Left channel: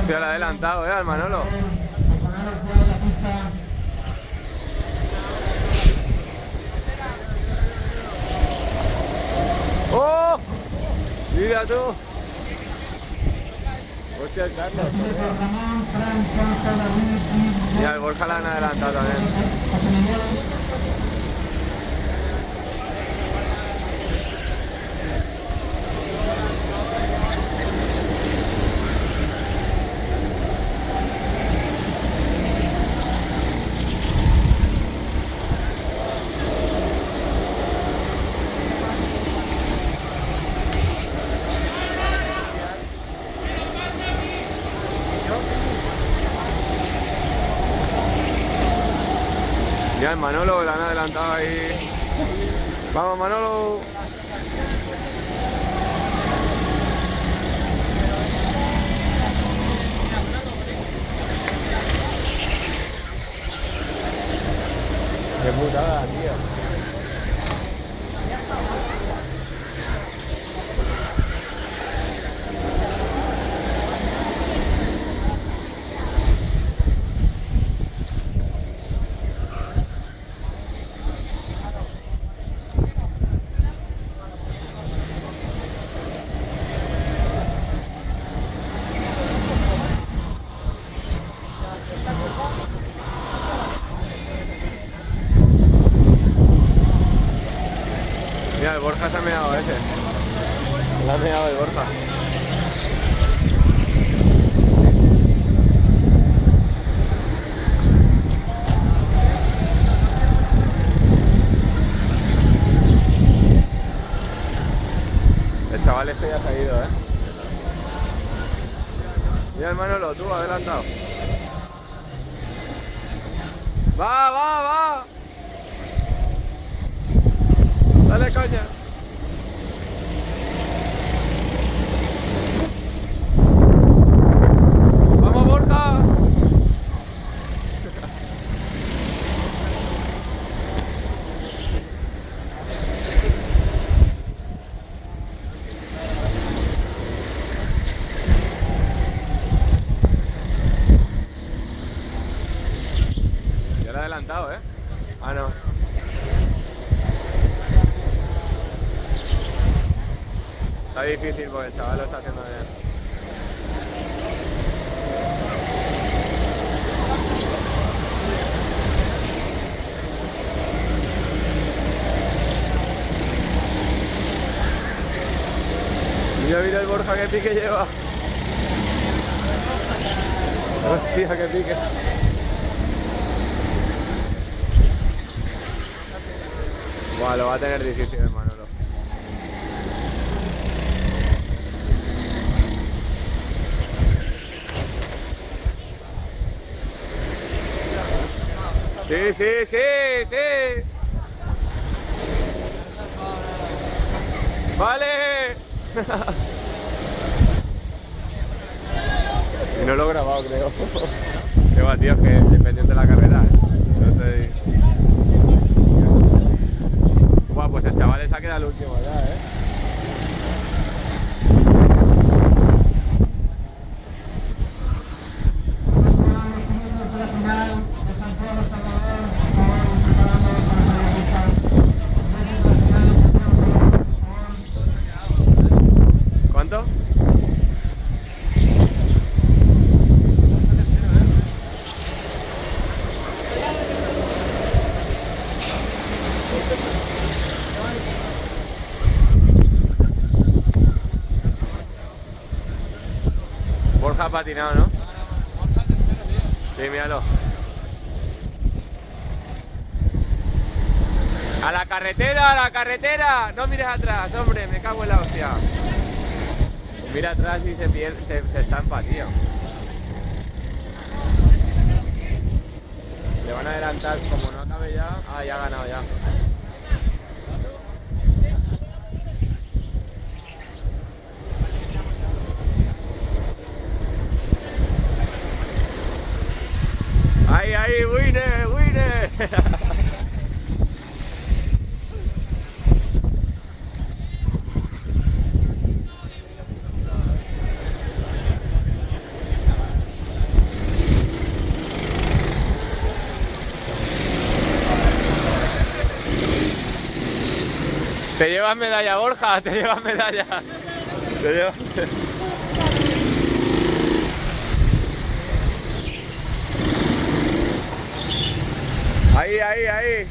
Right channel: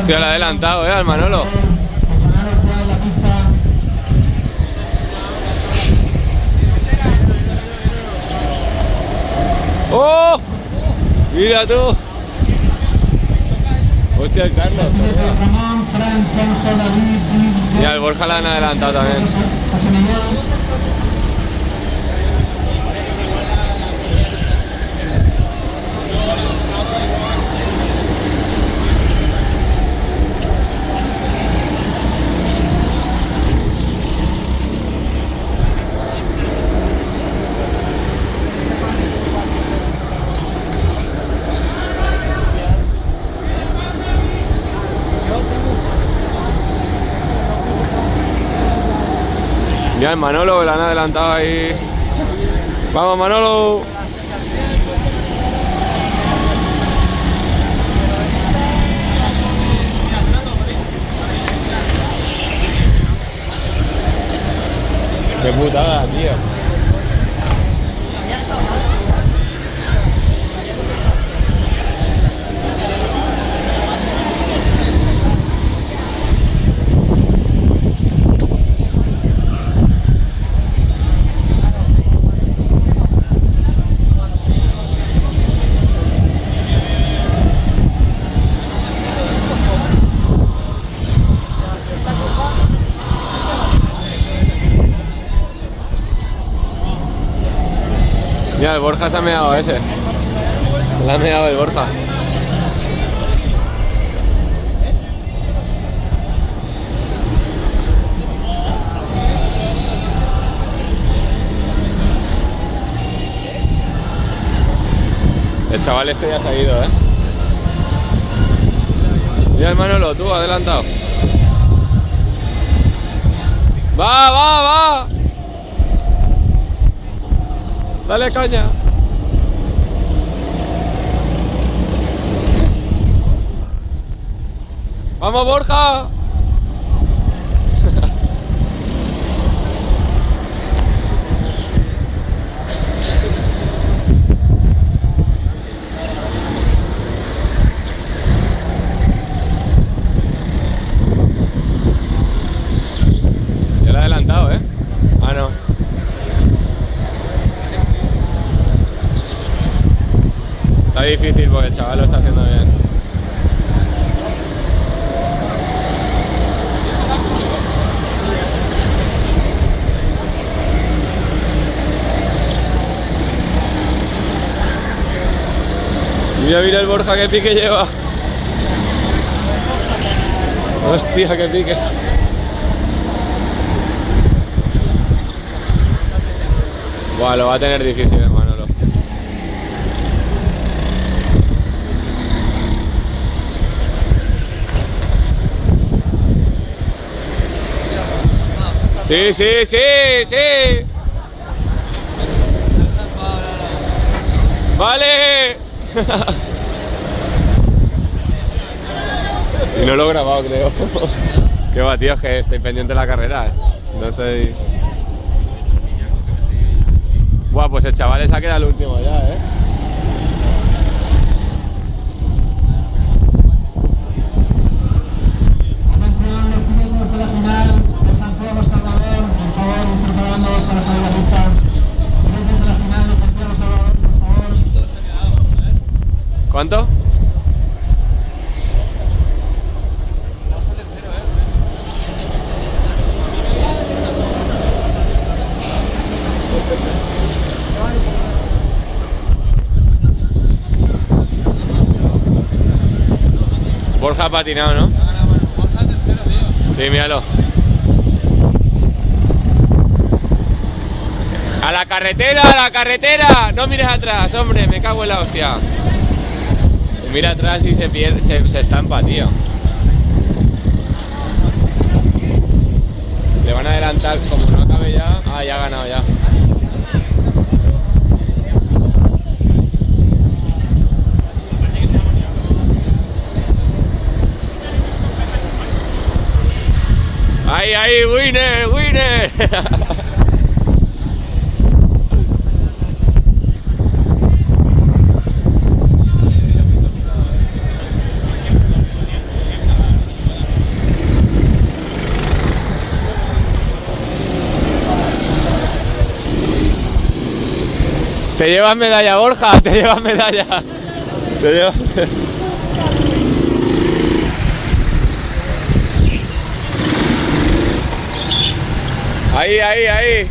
Hostia, le ha adelantado, al Manolo. ¡Oh! Mira tú. Hostia, el Carlos. Mira, el Borja la han adelantado también. Mira el Manolo, le han adelantado ahí. ¡Vamos, Manolo! ¡Qué putada, tío! Mira, el Borja se ha meado ese. Se le ha meado el Borja. El chaval este ya se ha ido, Mira el Manolo, tú, adelantado. ¡Va, va, va! Dale caña. ¡Vamos, Borja! Ya lo he adelantado, Ah, no. Está difícil porque el chaval lo está haciendo bien. Mira, mira el Borja qué pique lleva. Hostia, qué pique. Buah, lo va a tener difícil el Manolo. Sí, sí, sí, sí. Vale. Y no lo he grabado, creo. Qué va, tío, es que estoy pendiente de la carrera. No estoy... Buah, pues el chaval se ha quedado el último ya, ¿Cuánto? Borja ha patinado, ¿no? Borja tercero, tío. Sí, míralo. ¡A la carretera, a la carretera! No mires atrás, hombre, me cago en la hostia. Mira atrás y se pierde, se estampa, tío. Le van a adelantar, como no acabe ya. Ah, ya ha ganado ya. ¡Ahí, ahí! ¡Winner! ¡Winner! Te llevas medalla, Borja, te llevas medalla. Te llevas... Ahí, ahí, ahí.